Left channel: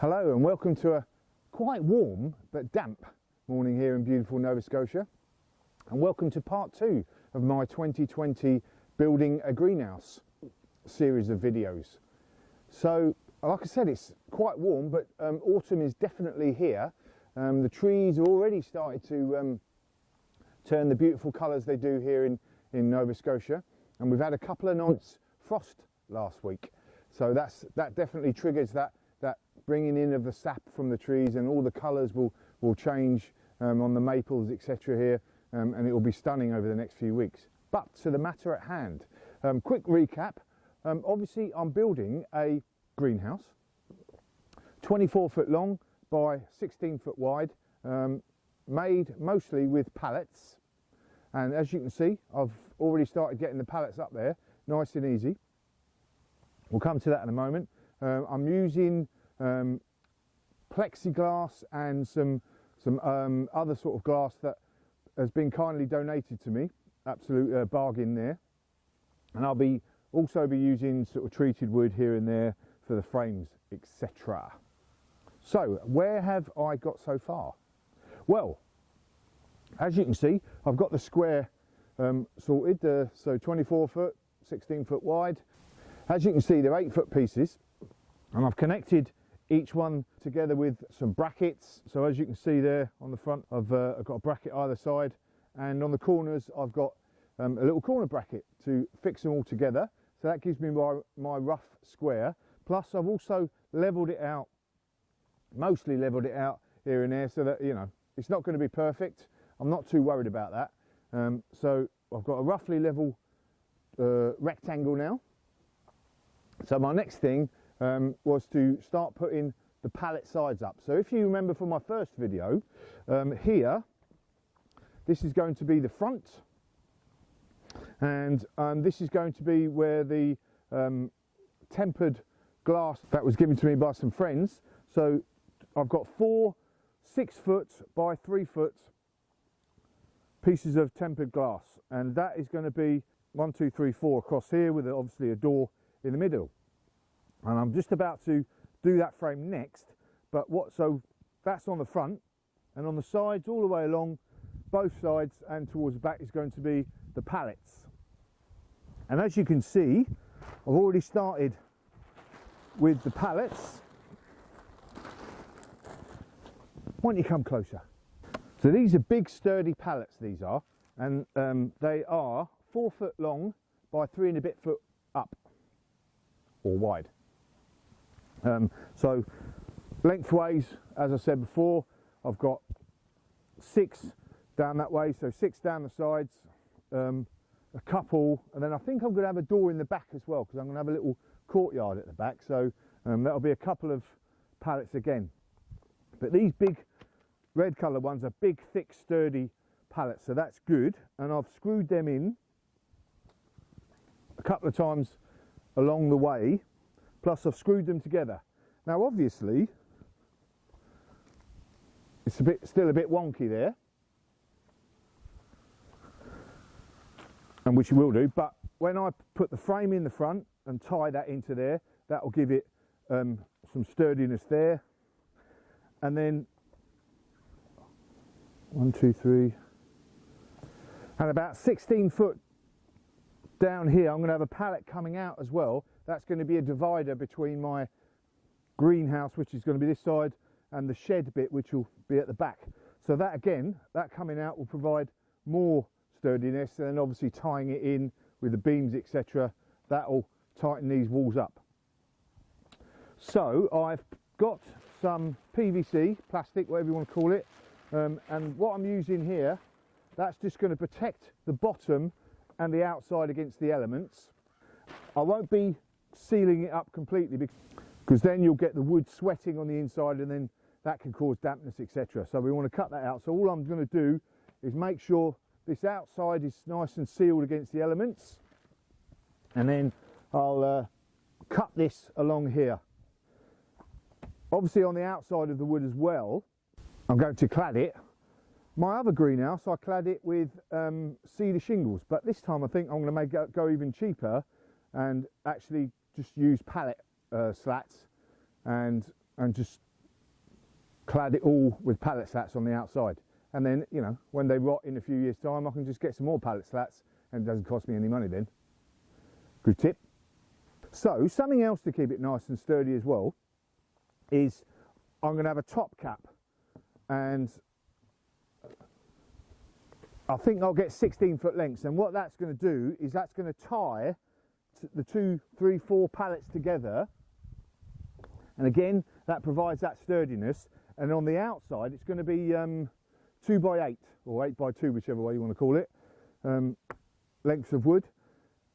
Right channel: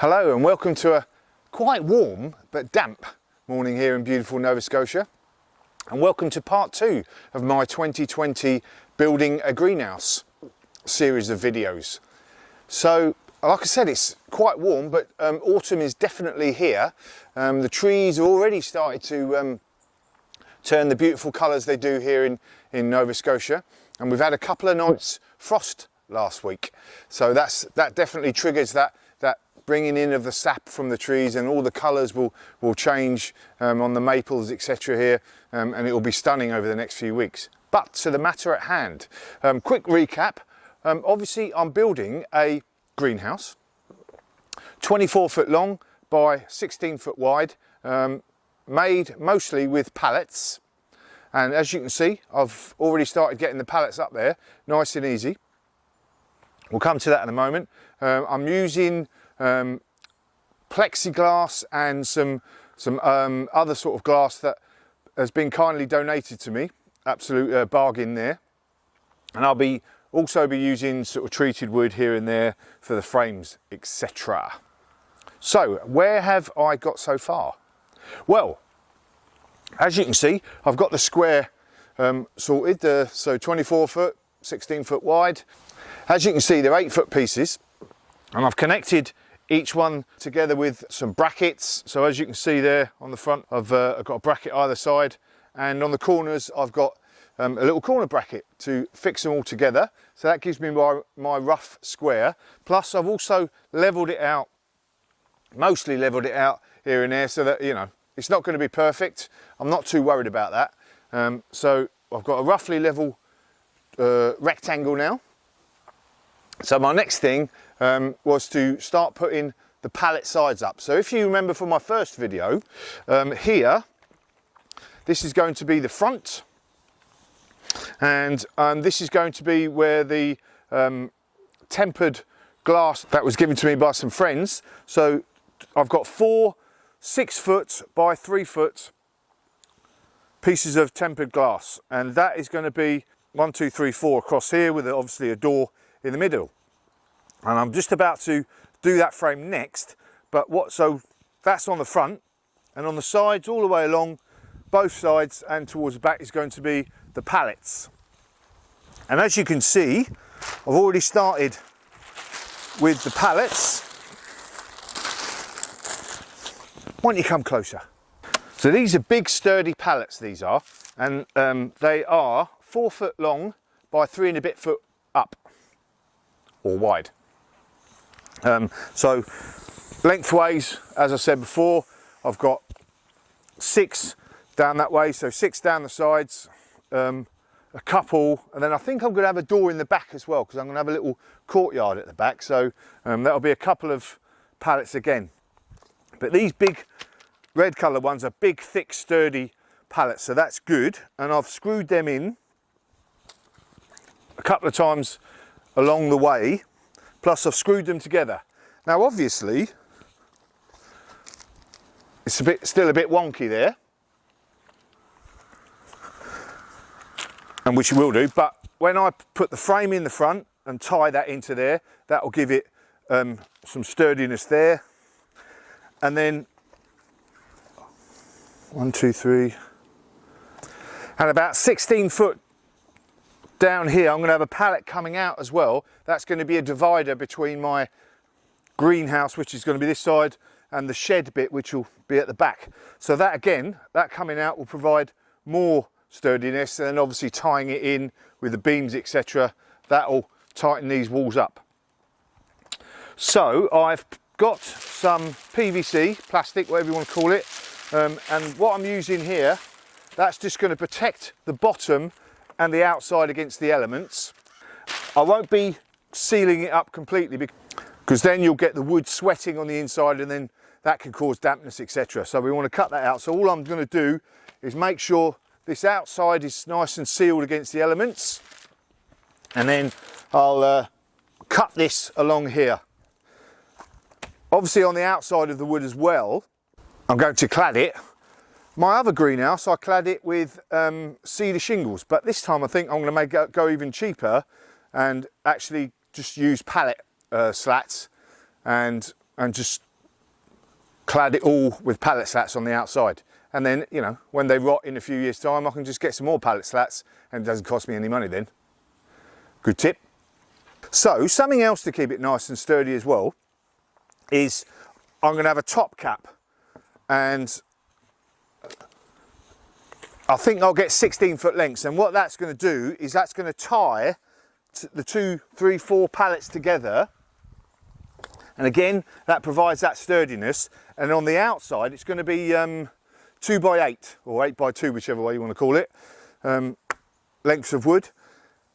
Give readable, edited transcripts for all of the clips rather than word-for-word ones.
Hello and welcome to a quite warm but damp morning here in beautiful Nova Scotia, and welcome to part 2 of my 2020 Building a Greenhouse series of videos. So like I said, it's quite warm, but autumn is definitely here. The trees have already started to turn the beautiful colours they do here in Nova Scotia, and we've had a couple of nights frost last week, so that definitely triggers that bringing in of the sap from the trees, and all the colours will change on the maples, etc. here, and it will be stunning over the next few weeks. But to the matter at hand, quick recap. Obviously I'm building a greenhouse, 24 foot long by 16 foot wide, made mostly with pallets, and as you can see I've already started getting the pallets up there nice and easy. We'll come to that in a moment. I'm using plexiglass and some other sort of glass that has been kindly donated to me. Absolute bargain there. And I'll also be using sort of treated wood here and there for the frames, etc. So where have I got so far? Well, as you can see, I've got the square sorted, so 24 foot, 16 foot wide. As you can see, they're 8 foot pieces, and I've connected each one together with some brackets. So as you can see there on the front, I've got a bracket either side, and on the corners I've got a little corner bracket to fix them all together. So that gives me my rough square. Plus I've also levelled it out, mostly levelled it out here and there, so that, you know, it's not going to be perfect. I'm not too worried about that. So I've got a roughly level rectangle now. So my next thing was to start putting the pallet sides up. So if you remember from my first video, here, this is going to be the front, and this is going to be where the tempered glass that was given to me by some friends. So I've got 4 6 foot by 3 foot pieces of tempered glass, and that is going to be 1, 2, 3, 4 across here, with obviously a door in the middle. And I'm just about to do that frame next, so that's on the front, and on the sides all the way along both sides and towards the back is going to be the pallets. And as you can see, I've already started with the pallets. Why don't you come closer? So these are big sturdy pallets, these are, and they are 4 foot long by 3 and a bit foot up, or wide. So lengthways, as I said before, I've got 6 down that way, so 6 down the sides, a couple, and then I think I'm going to have a door in the back as well, because I'm going to have a little courtyard at the back, so that'll be a couple of pallets again. But these big red colour ones are big, thick, sturdy pallets, so that's good, and I've screwed them in a couple of times along the way, plus I've screwed them together. Now obviously it's still a bit wonky there, and which you will do, but when I put the frame in the front and tie that into there, that will give it some sturdiness there. And then 1, 2, 3, and about 16 foot down here I'm going to have a pallet coming out as well. That's going to be a divider between my greenhouse, which is going to be this side, and the shed bit, which will be at the back. So that again, that coming out will provide more sturdiness, and then obviously tying it in with the beams, etc., that will tighten these walls up. So I've got some PVC, plastic, whatever you want to call it, and what I'm using here, that's just going to protect the bottom and the outside against the elements. I won't be sealing it up completely, because then you'll get the wood sweating on the inside, and then that can cause dampness, etc. So we want to cut that out. So all I'm going to do is make sure this outside is nice and sealed against the elements, and then I'll cut this along here. Obviously on the outside of the wood as well, I'm going to clad it. My other greenhouse, I clad it with cedar shingles, but this time I think I'm going to go even cheaper and actually just use pallet slats and just clad it all with pallet slats on the outside. And then, you know, when they rot in a few years' time, I can just get some more pallet slats and it doesn't cost me any money then. Good tip. So, something else to keep it nice and sturdy as well is I'm going to have a top cap, and I think I'll get 16-foot lengths, and what that's going to do is that's going to tie the 2, 3, 4 pallets together, and again that provides that sturdiness. And on the outside it's going to be 2 by 8 or 8 by 2, whichever way you want to call it, lengths of wood,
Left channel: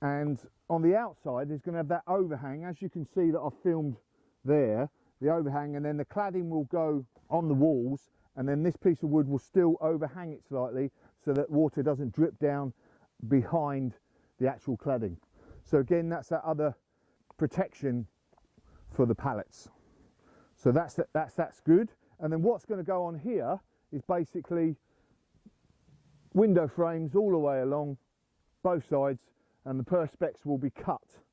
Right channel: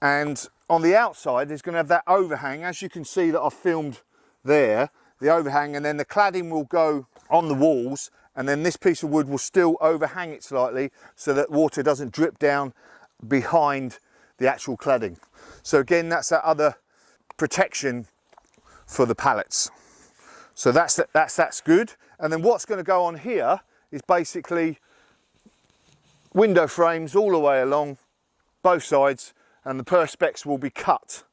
and on the outside it's going to have that overhang, as you can see that I've filmed there, the overhang, and then the cladding will go on the walls, and then this piece of wood will still overhang it slightly so that water doesn't drip down behind the actual cladding. So again, that's that other protection for the pallets. So that's good. And then what's going to go on here is basically window frames all the way along both sides, and the perspex will be cut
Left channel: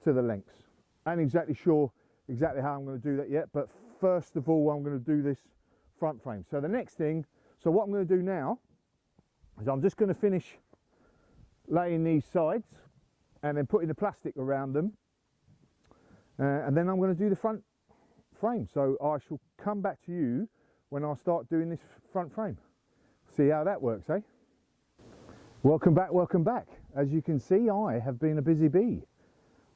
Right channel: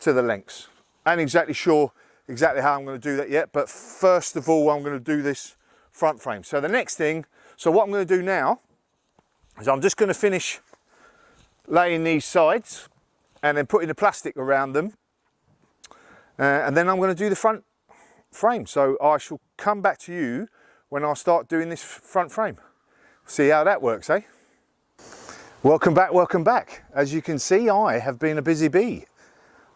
to the lengths. I ain't exactly sure exactly how I'm going to do that yet, but first of all I'm going to do this front frame. So the next thing, so what I'm going to do now is I'm just going to finish laying these sides and then putting the plastic around them, and then I'm going to do the front frame. So I shall come back to you when I start doing this front frame. See how that works, eh? Welcome back, welcome back. As you can see, I have been a busy bee.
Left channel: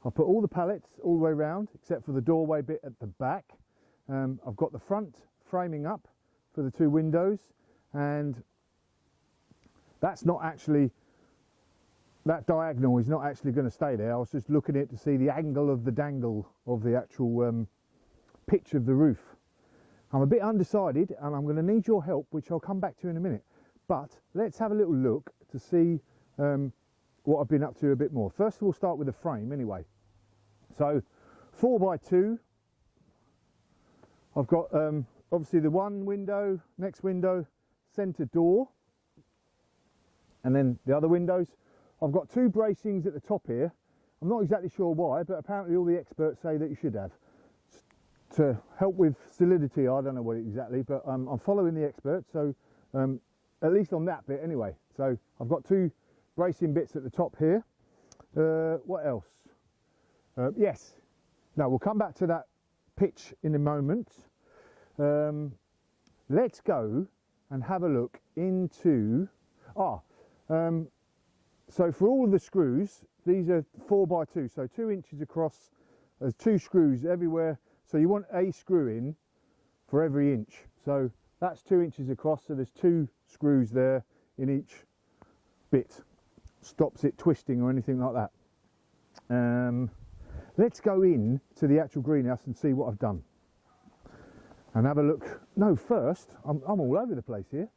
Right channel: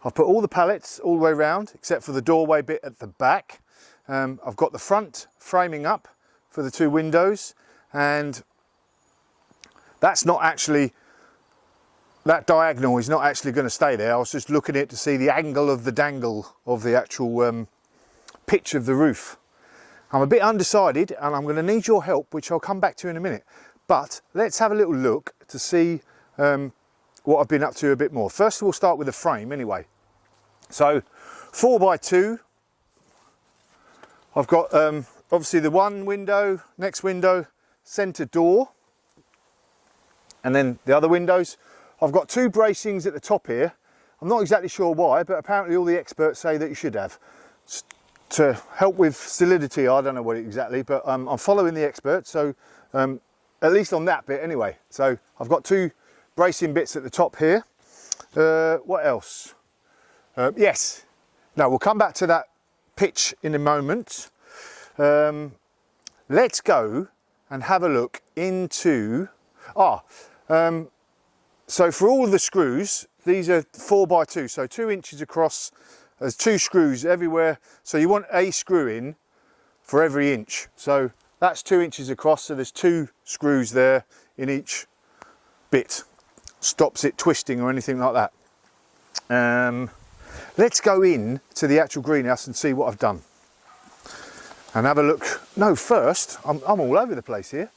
I've put all the pallets all the way around except for the doorway bit at the back. I've got the front framing up for the 2 windows, and that's not actually, that diagonal is not actually going to stay there. I was just looking at it to see the angle of the dangle of the actual pitch of the roof. I'm a bit undecided and I'm going to need your help, which I'll come back to in a minute. But let's have a little look to see what I've been up to a bit more. First we'll start with the frame anyway. So 4 by 2. I've got obviously the one window, next window, centre door, and then the other windows. I've got 2 bracings at the top here. I'm not exactly sure why, but apparently all the experts say that you should have. To help with solidity, I don't know what exactly, but I'm following the experts, so at least on that bit anyway. So I've got 2 bracing bits at the top here. What else? Yes, now we'll come back to that pitch in a moment. Let's go and have a look into, so for all of the screws, these are 4 by 2, so 2 inches across. There's 2 screws everywhere, so you want a screw in for every inch. So that's 2 inches across, so there's 2 screws there in each bit. Stops it twisting or anything like that. Let's go in to the actual greenhouse and see what I've done. And have a look. No, first, I'm all over the place here.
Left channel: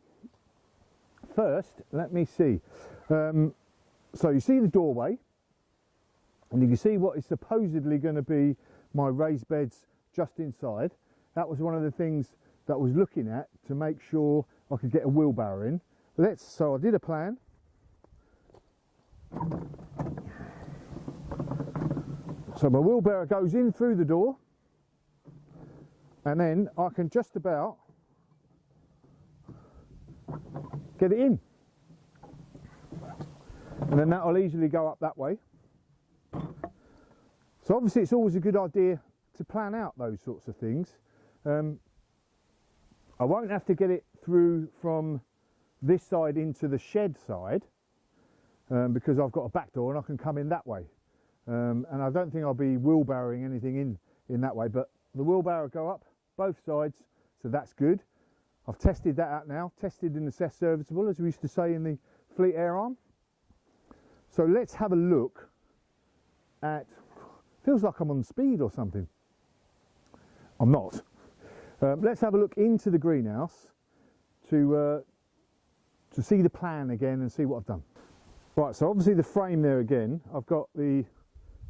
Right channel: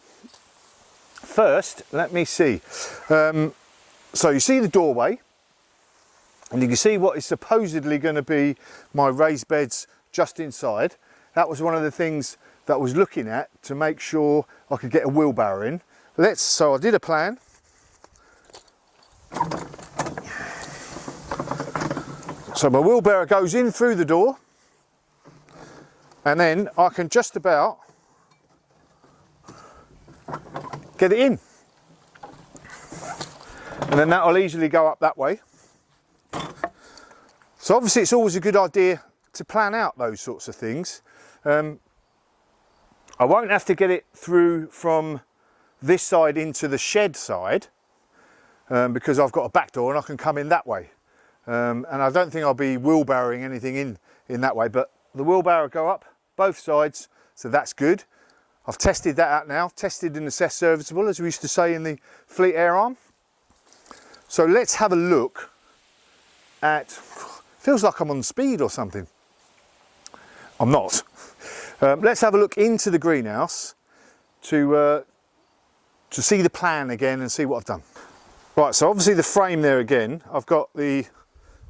First, let me see. So you see the doorway, and you can see what is supposedly going to be my raised beds just inside. That was one of the things that I was looking at to make sure I could get a wheelbarrow in. So I did a plan. So my wheelbarrow goes in through the door, and then I can just about get it in. And then that will easily go up that way. So obviously it's always a good idea to plan out those sorts of things. I won't have to get it through from this side into the shed side because I've got a back door and I can come in that way. And I don't think I'll be wheelbarrowing anything in that way, but the wheelbarrow go up both sides, so that's good. I've tested that out now, tested and assessed serviceable, as we used to say in the Fleet Air Arm. So let's have a look at, feels like I'm on speed or something. I'm not. Let's have a look into the greenhouse to see the plan again and see what I've done. Right, so obviously the frame there again, I've got the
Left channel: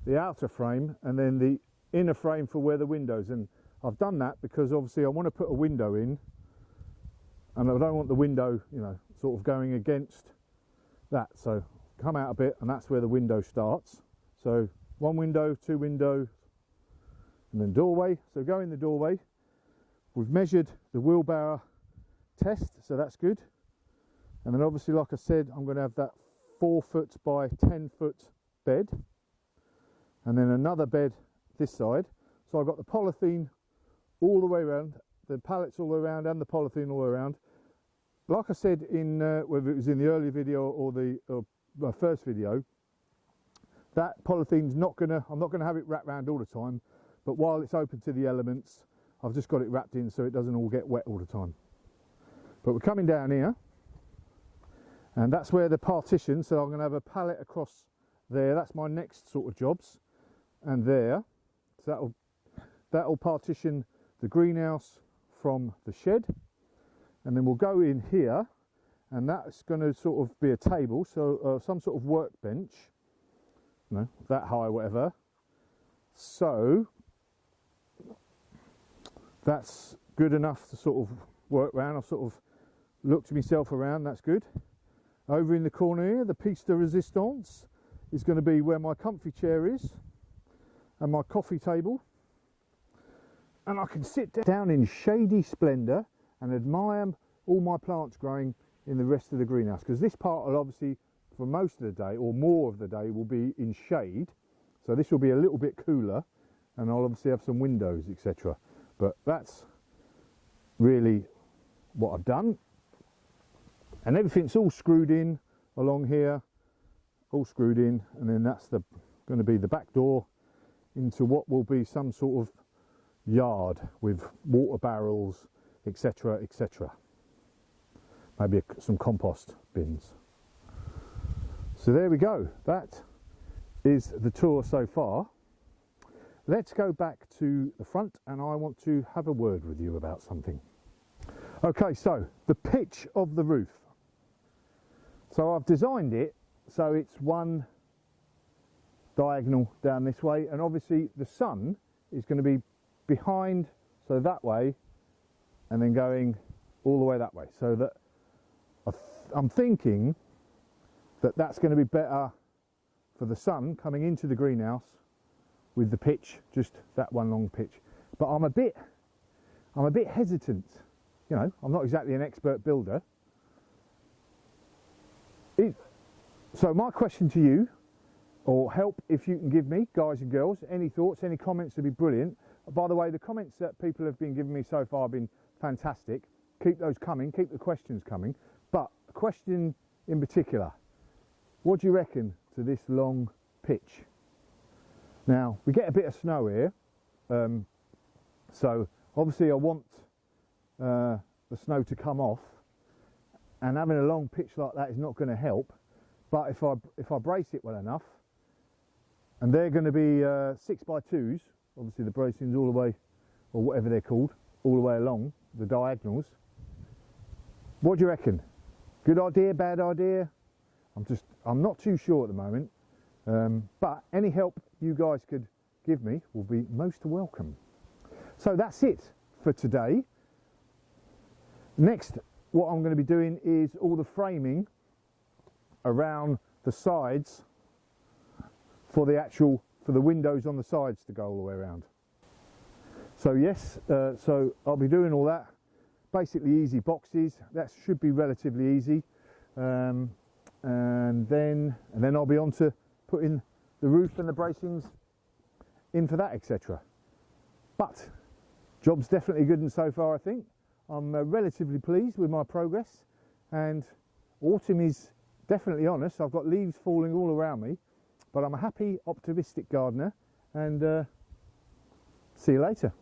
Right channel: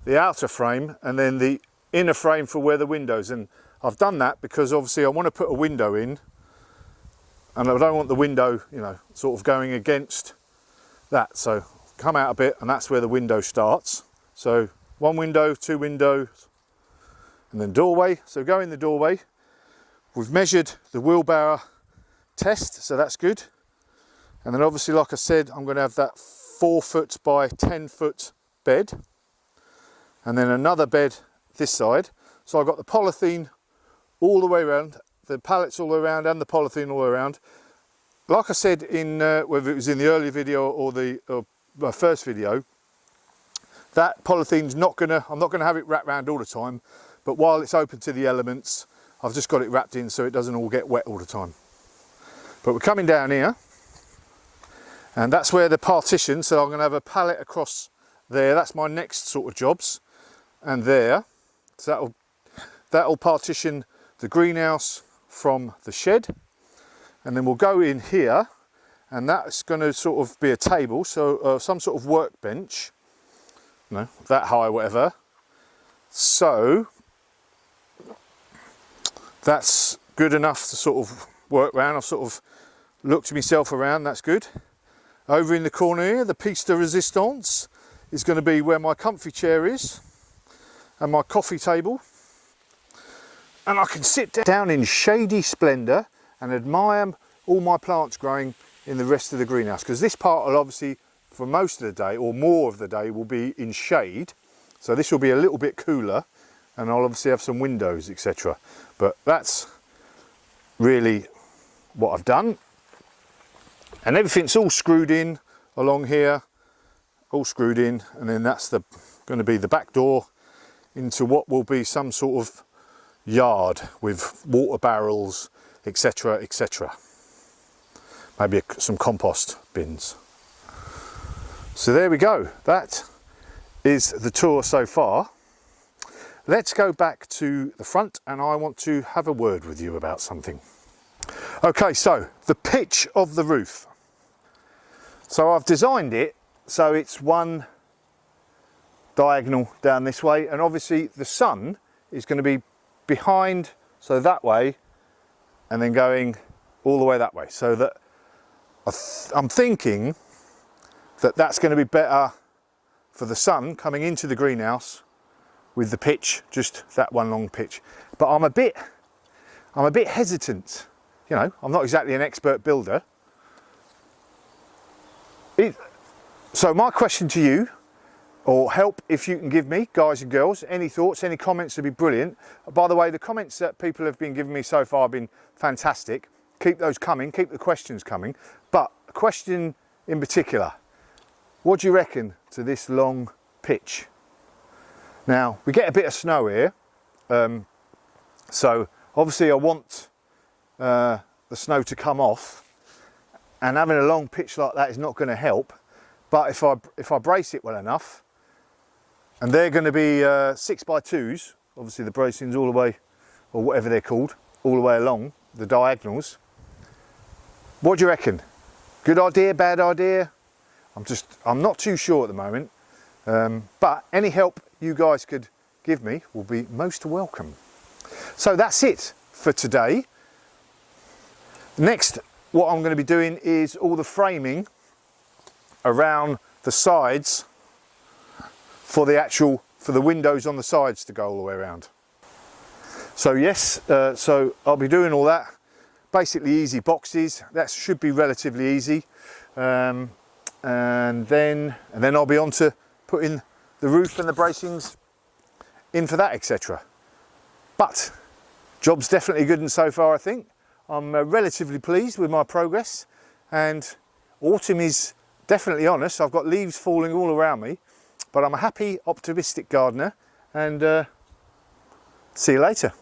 outer frame and then the inner frame for where the windows, and I've done that because obviously I want to put a window in and I don't want the window, you know, sort of going against that. So come out a bit and that's where the window starts. So 1 window, 2 windows, and then doorway. So go in the doorway, we've measured the wheelbarrow test, so that's good. And then obviously, like I said, I'm going to have that 4 foot by 10 foot bed, and then another bed this side. So I've got the polythene all the way around, the pallets all the way around, and the polythene all the way around. Like I said in whether it was in the earlier video or my first video, that polythene's I'm not gonna have it wrapped around all the time, but while it's open to the elements, I've just got it wrapped in so it doesn't all get wet all the time. But we're coming down here, and that's where the partition, so I'm going to have a pallet across there. That's my next sort of jobs, and there. So that'll partition the greenhouse from the shed, and then we'll go in here, and that's going to sort of be a table, so some sort of workbench, you know, that high, whatever. So that's good enough to sort of work around. I've sort of looked myself around, that's good. Over in the corner here, the piece de resistance is going to be where my comfy chair is and my coffee table. And I can sit down in shady splendour and admire all my plants growing in the rest of the greenhouse, because this part will obviously, for most of the day or more of the day, will be in shade. So this will be a little bit cooler, and I'll obviously have some windows, etc. But that's really what I've done. And everything's all screwed in along here, all screwed in, and then that's going to be the back door into what will be some sort of yard with water barrels, etc, etc. Maybe some compost bins. So there we go, that is the tour so far. Let's go back to the front, and I want to have a word with you about something. Okay, so the pitch of the roof. So I've designed it so it's one diagonal down this way, and obviously the sun is going to be behind, so that way, and then going all the way that way. So that I'm thinking that that's going to be better for the sun coming into the greenhouse with the pitch, just that one long pitch. But I'm a bit hesitant. You know, I'm not exactly an expert builder. So my question to you, or help if you can give me, guys and girls, any thoughts, any comments would be brilliant. By the way, the comments that people have been giving me so far have been fantastic. Keep those coming, keep the questions coming. But a question in particular, what do you reckon to this long pitch? Now, we get a bit of snow here, so obviously I want the snow to come off, and having a long pitch like that is not going to help. But if I brace it well enough, and they're going to be 6x2s, obviously the bracing's all the way, or whatever they're called, all the way along the diagonals. What do you reckon? Good idea, bad idea? I'm not too sure at the moment, but any help you guys could give me will be most welcome. So that's it for today. Next, what I'm going to be doing is all the framing around the sides for the windows on the sides to go all the way around. So yes, so I'll be doing all that. Basically easy boxes, that should be relatively easy. And then I'll be on to putting the roof and the bracings in for that, etc. But job's definitely good, and so far I think I'm relatively pleased with my progress, and autumn is definitely on us. I've got leaves falling all around me, but I'm a happy, optimistic gardener, and see you later.